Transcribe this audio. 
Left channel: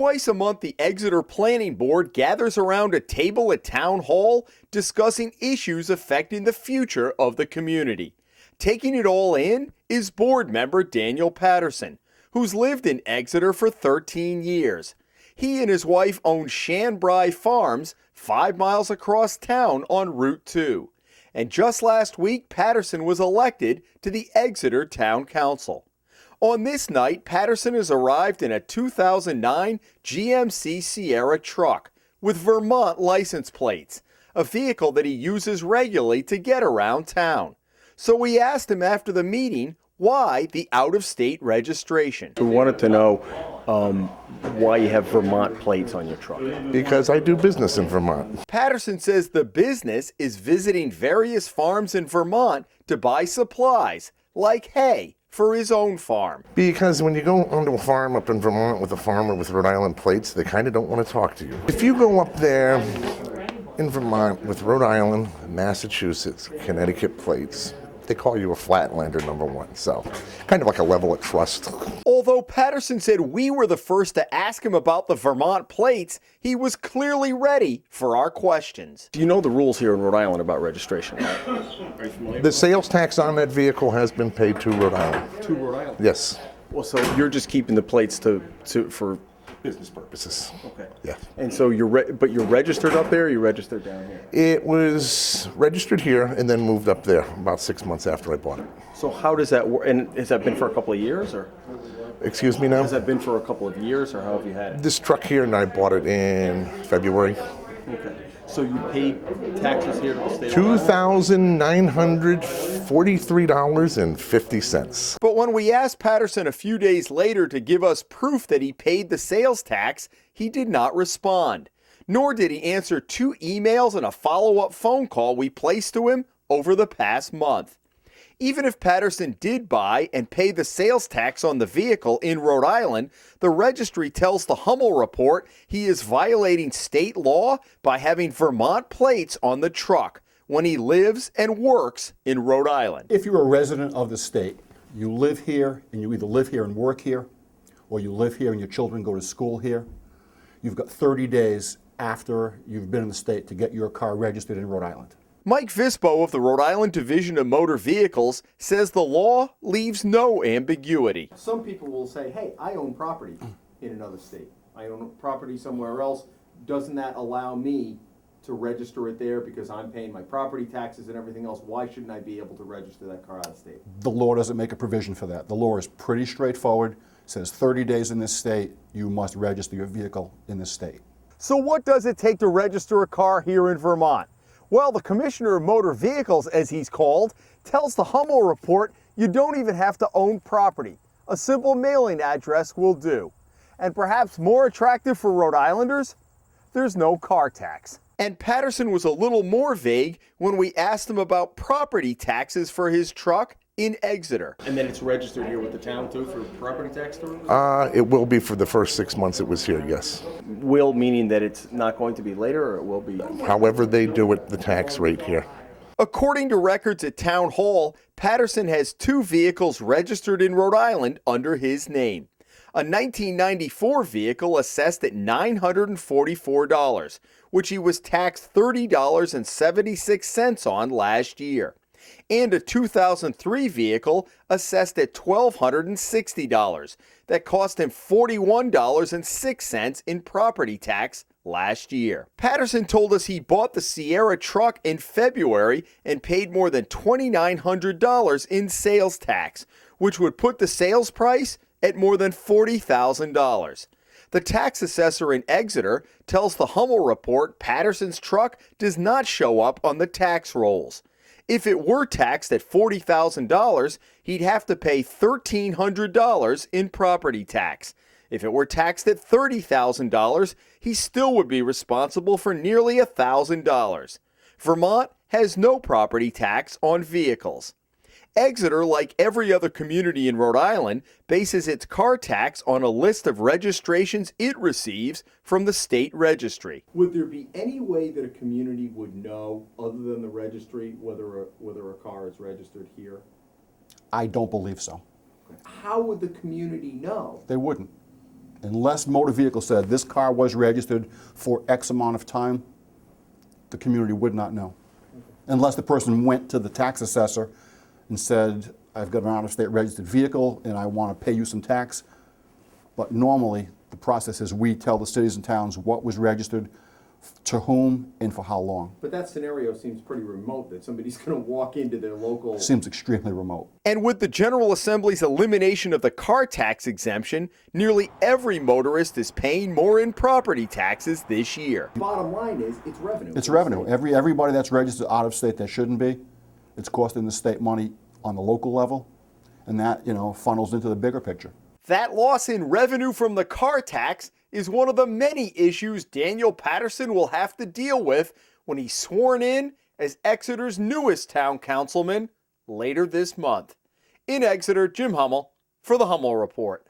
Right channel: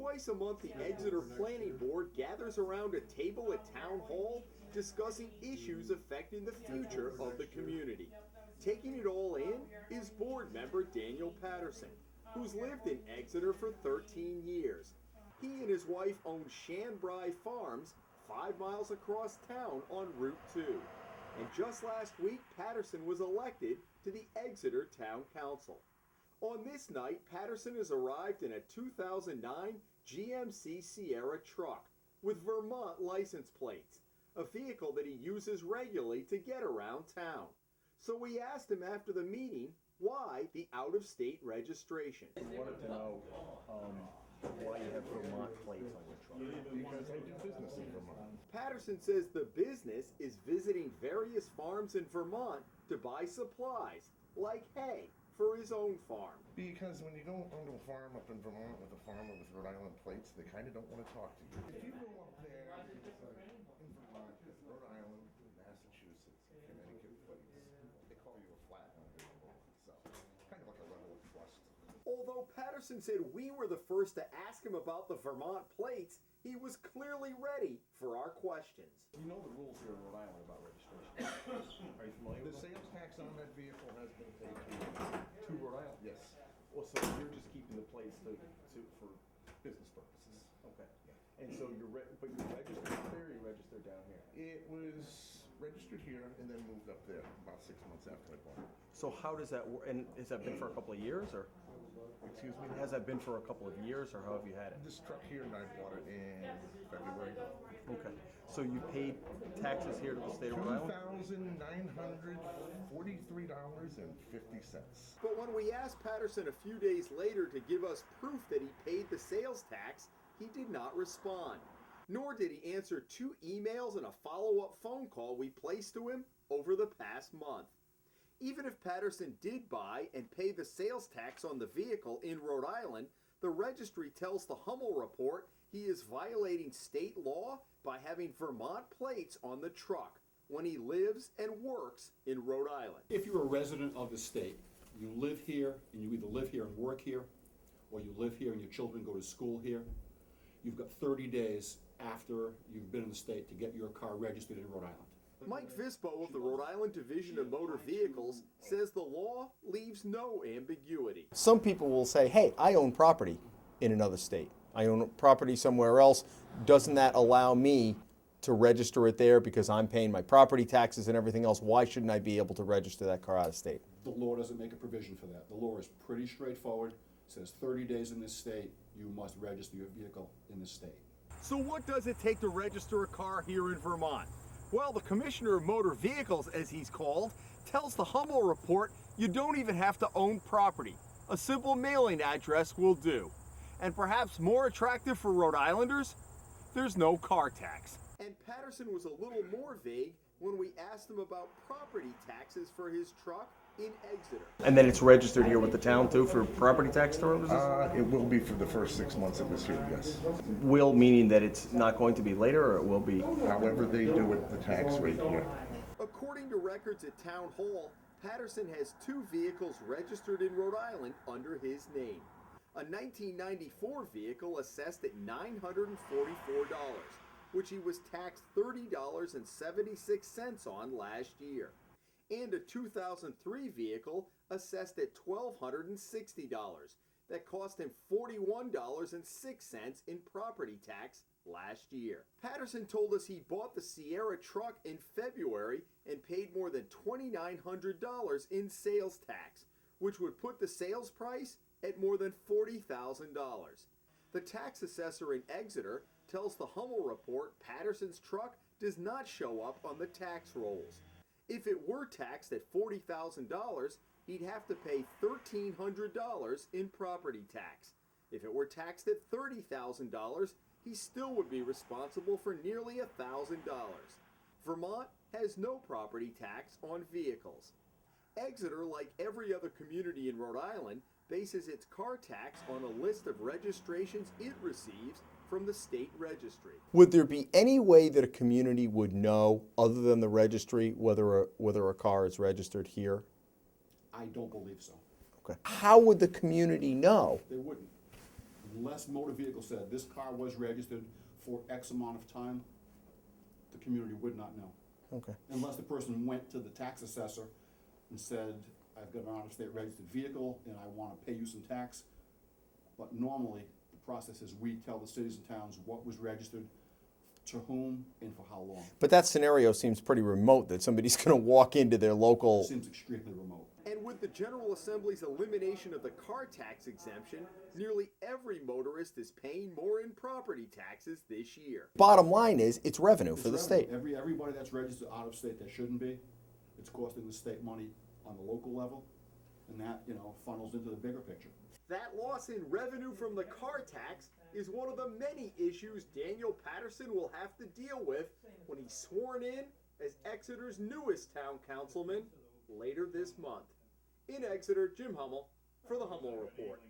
Twice a month, the Exeter Planning Board gathers around a table at Town Hall discussing issues affecting the future of the community. Taking it all in is board member Daniel Patterson, who's lived in Exeter for 13 years. He and his wife own Shanbry Farms 5 miles across town on Route 2. And just last week, Patterson was elected to the Exeter Town Council. On this night, Patterson has arrived in a 2009 GMC Sierra truck with Vermont license plates, a vehicle that he uses regularly to get around town. So we asked him after the meeting why the out-of-state registration. We wanted to know why you have Vermont plates on your truck. Because I do business in Vermont. Patterson says the business is visiting various farms in Vermont to buy supplies, like hay, for his own farm. Because when you go onto a farm up in Vermont with a farmer with Rhode Island plates, they kind of don't want to talk to you. If you go up there in Vermont with Rhode Island, Massachusetts, Connecticut plates, they call you a flatlander, number one. So kind of like a level of trust. Although Patterson said we were the first to ask him about the Vermont plates, he was clearly ready for our questions. Do you know the rules here in Rhode Island about registration? The sales tax on that vehicle has been paid to Rhode Island. To Rhode Island? Yes. Well, so you're just keeping the plates for Business purposes. Okay. Yeah. And so but you're registered up there, or you're registered down here? It was registered here and then moved up there about 6 months after I bought it. So how does that work? And has that been for a couple of years, or? Excuse me now? Has that been for a couple of years, or how have you had it? This truck here, and I bought it in February. Okay. So you paid taxes here to the state? $2,943.50. But when we asked Patterson a few days later to give us proof that he paid the sales tax, he did not respond. Nor did he answer 2 emails and a follow-up phone call we placed to him over the past month. Even if Patterson did buy and pay the sales tax on the vehicle in Rhode Island, the registry tells the Hummel Report he is violating state law by having Vermont plates on the truck when he lives and works in Rhode Island. If you're a resident of the state, you live here and you either live here and work here, or you live here and your children go to school here, you've got 30 days after you've been in the state to get your car registered in Rhode Island. Mike Vispo of the Rhode Island Division of Motor Vehicles says the law leaves no ambiguity. Some people will say, hey, I own property in another state. I own property somewhere else. Doesn't that allow me to register it there because I'm paying my property taxes and everything else? Why shouldn't I be able to register that car out of state? The law doesn't make a provision for that. The law is pretty straightforward. It says 30 days in this state, you must register your vehicle in this state. So what does it take to register a car here in Vermont? Well, the Commissioner of Motor Vehicles, as he's called, tells the Hummel Report you don't even have to own property. A simple mailing address will do. And perhaps more attractive for Rhode Islanders, there's no car tax. And Patterson was a little more vague when we asked him about property taxes for his truck in Exeter. And then it's registered here with the town too for property tax terms? It will be for the first 6 months it was here, yes. Will, meaning that it's not going to be later, or it will be? However they do it, the tax rate here. According to records at Town Hall, Patterson has 2 vehicles registered in Rhode Island under his name. A 1994 vehicle assessed at $944, which he was taxed $30.76 on last year. And a 2003 vehicle assessed at $1,260 that cost him $41.06 in property tax last year. Patterson told us he bought the Sierra truck in February and paid more than $2,900 in sales tax, which would put the sales price at more than $40,000. The tax assessor in Exeter tells the Hummel Report Patterson's truck does not show up on the tax rolls. If it were taxed at $40,000, he'd have to pay $1,300 in property tax. If it were taxed at $30,000, he still would be responsible for nearly $1,000. Vermont has no property tax on vehicles. Exeter, like every other community in Rhode Island, bases its car tax on a list of registrations it receives from the state registry. Would there be any way that a community would know, other than the registry, whether a car is registered here? I don't believe so. Okay. How would the community know? They wouldn't. Unless motor vehicle said this car was registered for X amount of time, the community would not know. Okay. Unless the person went to the tax assessor and said, I've got an out-of-state registered vehicle and I want to pay you some tax. But normally, the process is we tell the cities and towns what was registered, to whom, and for how long. But that scenario seems pretty remote, that somebody's going to walk into their local... Seems extremely remote. And with the General Assembly's elimination of the car tax exemption, nearly every motorist is paying more in property taxes this year. Bottom line is, it's revenue. It's for the revenue. state. Everybody that's registered out of state that shouldn't be, it's costing the state money on the local level, and that, funnels into the bigger picture. That loss in revenue from the car tax is one of the many issues Daniel Patterson will have to deal with when he's sworn in as Exeter's newest town councilman later this month. In Exeter, Jim Hummel for the Hummel Report.